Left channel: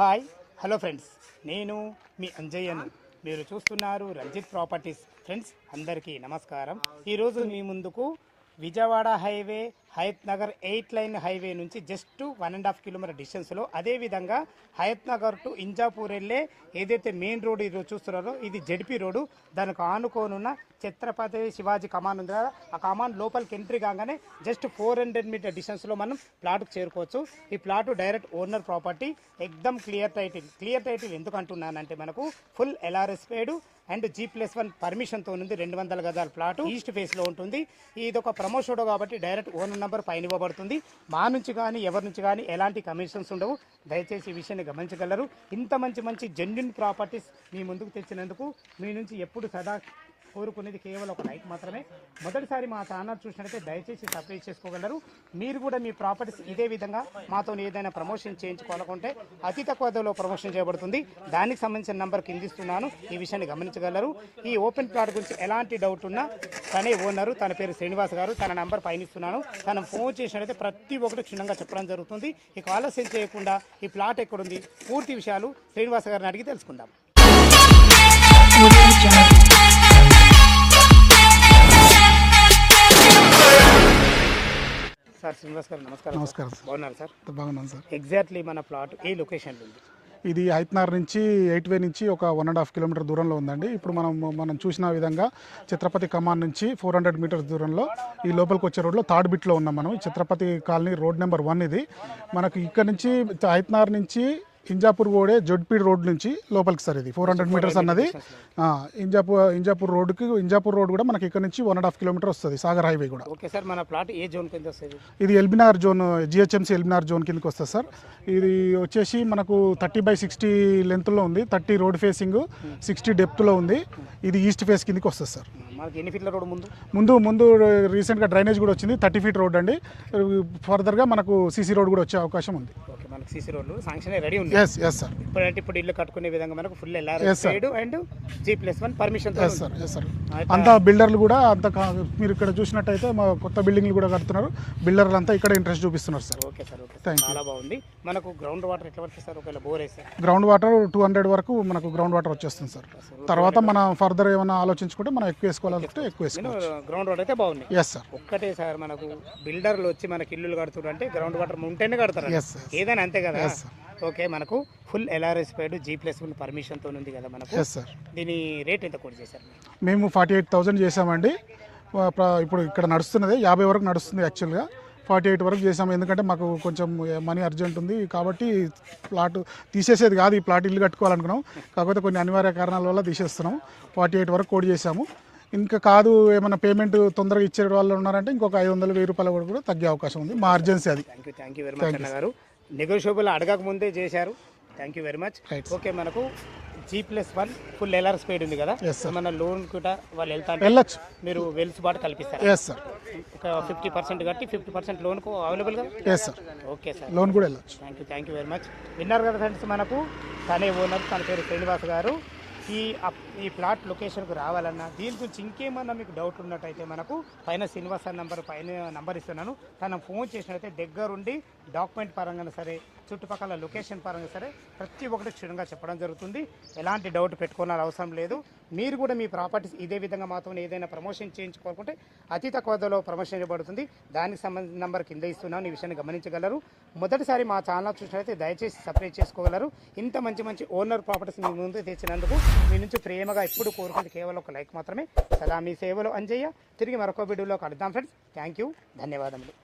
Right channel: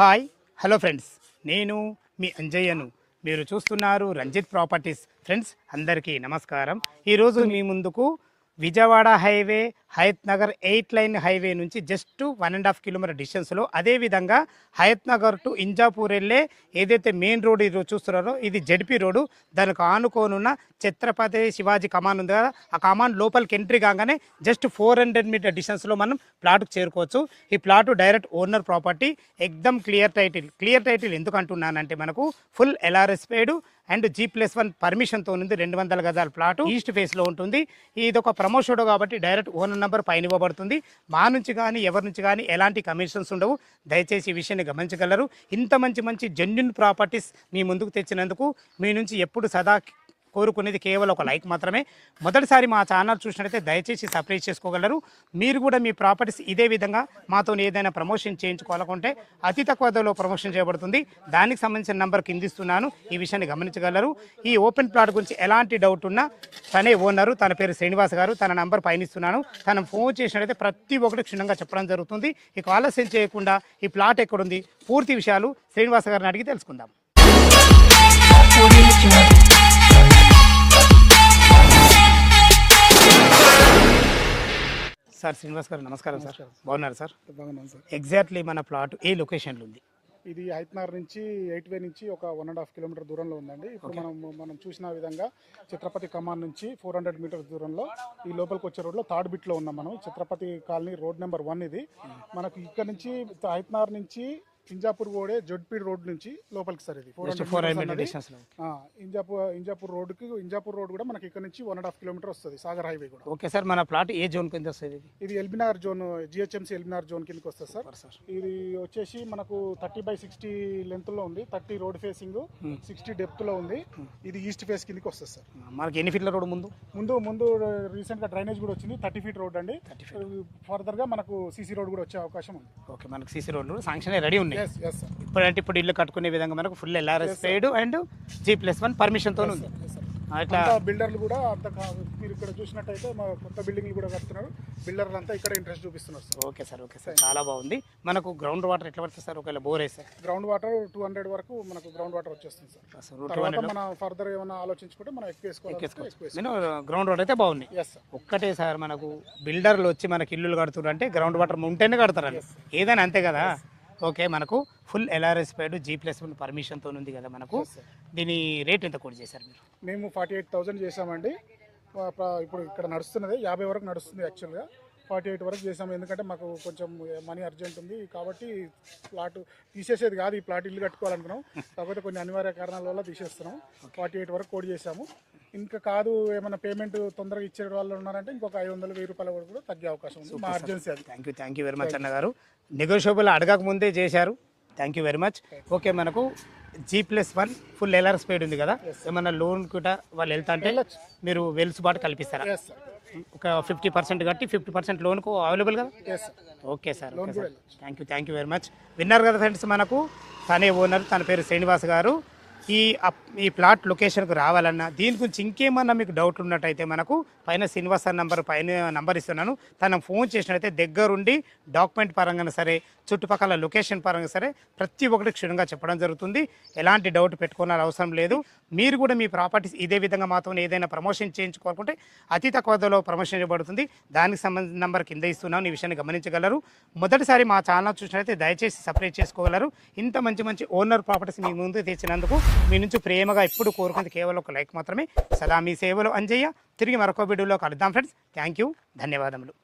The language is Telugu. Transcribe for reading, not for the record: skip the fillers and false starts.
హాయ్ హలో ఫ్రెండ్స్, నేను మీ అంజయ్యను. మీరు చూస్తున్నారు రంజిత్ ప్రాపర్టీస్. ఫ్రెండ్స్ అందరికీ నమస్కారం. ఈరోజు మీ ముందుకు Vijayawada highway, Hayath Nagar 8 line highway నుంచి జస్ట్ 1.5 కిలోమీటర్ డిస్టెన్స్లో, అదేవిధంగా హయత్ నగర్ టు ఇంజాపూర్ వెళ్ళే ఏదైతే మెయిన్ రోడ్ ఈరోజు చూస్తున్నారో ఇది జెడ్పీ రోడ్డు. దానికి ఆనుకోనున్న ఛత్రపతి శివాజీ కమాన్ ఉంది కదా, ఆ కమాన్ లోపలికి ఎంట్రీ కాగానే జస్ట్ 400 మీటర్ డిస్టెన్స్లో మనం ప్లాట్కు చేరుకోవచ్చు. ఈ ప్లాటు డైరెక్ట్ ఓనర్ ప్రాపర్టీ, ఎక్దమ్ క్లియర్ టైటిల్. క్లియర్ టైటిల్ ఎందుకు అంటున్నానంటే మనకు full LRS paid and G+1 పర్మిషన్తో ఉంది. 200 గజాల ప్లాట్ ఈస్ట్ ఫేస్లో ఉంటుంది. ఇది ఒక ప్రమోషన్ కాబట్టి డైరెక్ట్ ఓనర్ నెంబర్ పైన ఇవ్వబడుతుంది. మా నుంచి కానీ ఎవరి నుంచి కానీ ఎలాంటి కమిషన్స్ ఉండవు. దయచేసి ఈ విషయాన్ని గమనించగలరు. ఇంత మంచి జెన్యూన్ ప్రాపర్టీస్ మీ ముందుకు తెచ్చినందుకు మీ నుంచి ఎప్పుడు సదా కోరుకునేది కేవలం ఒక లైక్ మాత్రమే. మొదటిసారి మా ఛానల్ చూసినట్లయితే దయచేసి సబ్స్క్రైబ్ చేసుకోగలరు. మీరు కూడా మీ ప్రాపర్టీస్ ఇదే విధంగా మాతో ఏదైనా ప్రమోషన్ చేయించుకోవాలనుకుంటే అతి తక్కువ ధరలో ప్రమోషన్ చేయబడుతుంది. దానికి సంబంధించిన నెంబర్ కింద ఇస్తున్నాను, ఈ విషయాన్ని గమనించగలరు. ఈ ఓపెన్ ప్లాట్ గురించి ఎలాంటి డౌట్ ఉన్నా తనే ఓనరు, తన పేరు శ్రీనివాస్ గారు, తన నెంబర్ పైన ఇస్తున్నాను. తను ఫోన్ చేసినట్లయితే ప్రతి ఒక్కటి క్షుణ్ణంగా చెప్పడం జరుగుతుంది. ఇక ఆలస్యం చేయకుండా ఈ ప్లాట్ ఎక్కడుంది, పూర్తి విషయాలు శ్రీనివాస్ గారిని అడిగి తెలుసుకుందాం. సార్ శ్రీనివాస్ గారు నమస్కారం. నమస్కారం సార్. బాగున్నారు సార్? బాగున్నాను సార్. ఎగ్జాక్ట్లీ మన ప్లాట్ ఏ లొకేషన్లో ఉంది? ఇది హైత్నార్ నుంచి 8 వే నుంచి ఒక 1.5 కిలోమీటర్ దూరంలో ఉందండి. ఇప్పుడు మనం చూసిన విధంగా ఛత్రపతి కమాన్ నుంచి 400 మీటర్స్ దూరంలో ఈ లోపలికి వచ్చే రోడ్లో థర్డ్ బిట్లో ఉన్నాం మనం. ఛత్రపతి కాలనీ రోడ్ నెంబర్ 1 ఇది. మనకి ఇక్కడ నుంచి హైత్నార్ నుంచి ఇంజాపూర్ పోడే జడ్పీడ్ రోడ్ నుంచి లోపలికి సార్ ఇది 400 మీటర్స్ అన్నది. ఇంజాపూర్ రోడ్ కూడా మనకి ఇక్కడ నుంచి 1.5 కిలోమీటర్ వస్తుంది, సాగర్ హైవే కూడా. ఓకే సార్, మన ప్లాట్ ఏ జోన్ కింద వస్తుంది? ఇది ఎల్బినార్ జోన్, జిహెచ్ఎంసీ ఎల్బినార్ జోన్ కిందకి వస్తుంది సార్. ఇది వచ్చేసి మనకు 30/60 లెంత్లో ఉంది, 30 రోడ్ ఫేసింగ్, 60 డెప్త్లో ఉంది. ఇది ఈస్ట్ ఫేస్ కిందకి వస్తుంది సార్. మనకి ఎన్ని ఫీట్ల రోడ్ ముందు రీసెంట్గా డ్రైనేజ్ కూడా వచ్చింది, 30 ఫీట్ రోడ్ అండి. ఫర్దర్గా మనకు సీసీ రోడ్ కూడా వచ్చే అవకాశం ఉంది. ఓకే, మనకు సీసీ రోడ్ శాంక్షన్ రెడీ ఉంది. Yes sir. ఇప్పుడు ఇల్లు కట్టుకునే విధంగా మనకు full LRS and G+1 permission. Yes sir. అంత బిల్డర్లు కూడా మీరు ఇక్కడ చూసినట్టయితే మా కొత్త బిల్డింగ్లు కూడా కడుతున్నారు. బిల్డర్లు అంతా ఇక్కడ ఇంట్రెస్ట్ చూపిస్తున్నారు సార్. ఓకే సార్, చాలా బాగుంది. మనకు గ్రౌండ్ వాటర్ ఎట్లా పడుతుంది సార్ ఒకవేళ బోర్ వేస్తే? గ్రౌండ్ వాటర్ 200 వరకు మనకు గ్రౌండ్ వాటర్ వచ్చేస్తుంది సార్. తర్వాత మనం ఫర్దర్ ఏమైనా ఆలోచించుకుంటే మనం ఎక్కువ వేసుకోవాలంటే ఎక్కువ వేసుకోవాలి. గ్రౌండ్ వాటర్ అయితే బాగుంది. Yes sir. ఒక్కటే సార్, మనకు బిల్డర్లు వచ్చి మనకి ఇల్లులు కడుతున్నారంటే గ్రౌండ్ వాటర్ ఉంటేనే కడతారు, ఏదైనా అంతే కదా. ఓకే, మనకు ఫుల్ ఎల్ఆర్ఎస్ పేడు G+1 పర్మిషన్తో ఉంది కదా మనకు. Yes sir. దీని రేట్ ఎంత కూడా చేశారు? మేము 48,000 చేసామండి. ఇప్పుడు ఇక్కడ నడుస్తున్నది 50 వరకు నడుస్తుంది. యాక్చువల్గా 48 వరకు చేసాము, ఎందుకంటే మాకు కొంచెం మనీ అర్జెంట్ ఉంది కాబట్టి ప్లాట్ తీసేసేది కాదు. ఈ ప్లాట్ ఇల్లు కట్టుకోవాలనుకున్నాం, కాకపోతే కొన్ని అనివార్య కారణాల వల్ల తీసేస్తున్నాం. 48 వరకు కోడ్ చేసాము. ఇంకా కాదు ఏమైనా పేమెంట్ తొందరగా ఇచ్చే వాళ్ళు ఉన్నారంటే ఇంకొక 500-1000 రూపాయల వరకు కూడా తగ్గే అవకాశం ఉంది. మా అర్జెన్సీ అది. థ్యాంక్ యూ వెరీ మచ్ అన్న గారు. నెగోషియబుల్ అడగక ముందే చేశారు. Thank you very much. Okay, మనకు G+1 ఫుల్ ఎల్ఆర్ఎస్ పేడ్ ఉంది కదా, మన లోన్ కూడా వాళ్ళు వెళ్ళొచ్చు, మీరు వెలుసుబాటు కల్పిస్తారు. Yes sir. ఒక 50% కట్టి 50% లోన్కు అవైలబుల్ కదా? Yes sir. Okay sir, loan కూడా వెళ్ళొచ్చు. Thank you very much. విన్నారు కదా ఫ్రెండ్స్, మనకు తనే ఓనర్, తన పేరు శ్రీనివాస్ గారు. ఈ ప్లాట్ లొకేషన్కు రావాలన్నా దీని గురించి ఇంకేమన్నా మీకు డౌట్ ఉన్నట్టయితే మనకు పైన శ్రీనివాస్ పైన నంబర్ ఇస్తున్నాను. తన ఫోన్ చేసినట్టయితే దగ్గరుండి డాక్యుమెంట్ పరంగా సరే, చుట్టుపక్కల లొకేషన్ పరంగా సరే ప్రతి ఒక్కటి క్షుణ్ణంగా చెప్పడం జరుగుతుంది. ఎలాంటి డౌట్ పెట్టుకోవాలని అవసరం లేదు. మీరు కూడా మీ ప్రాపర్టీస్ ఇదే విధంగా మాతో ఏదైనా ప్రమోషన్ చేయించుకోవాలనుకుంటే అతి తక్కువ ధరలో ప్రమోషన్ చేయబడుతుంది. దానికి సంబంధించిన నెంబర్ కింద ఇస్తున్నాను, ఈ విషయాన్ని గమనించగలరు. మొదటిసారి మా ఛానల్ చూసినట్లయితే దయచేసి సబ్స్క్రైబ్ చేసుకోగలరు. ఇంత మంచి ఓనర్ ప్రాపర్టీస్ మీ ముందు తెచ్చినందుకు మీ నుంచి ప్రేమగా ఎప్పుడు కోరుకుంది కేవలం ఒక లైక్ మాత్రమే. సదా మీ సేవలో అంజయ్య. తిరిగి మరొక వీడియోలో కలుద్దాం ఫ్రెండ్స్. థ్యాంక్ యూ, ధన్యవాదములు.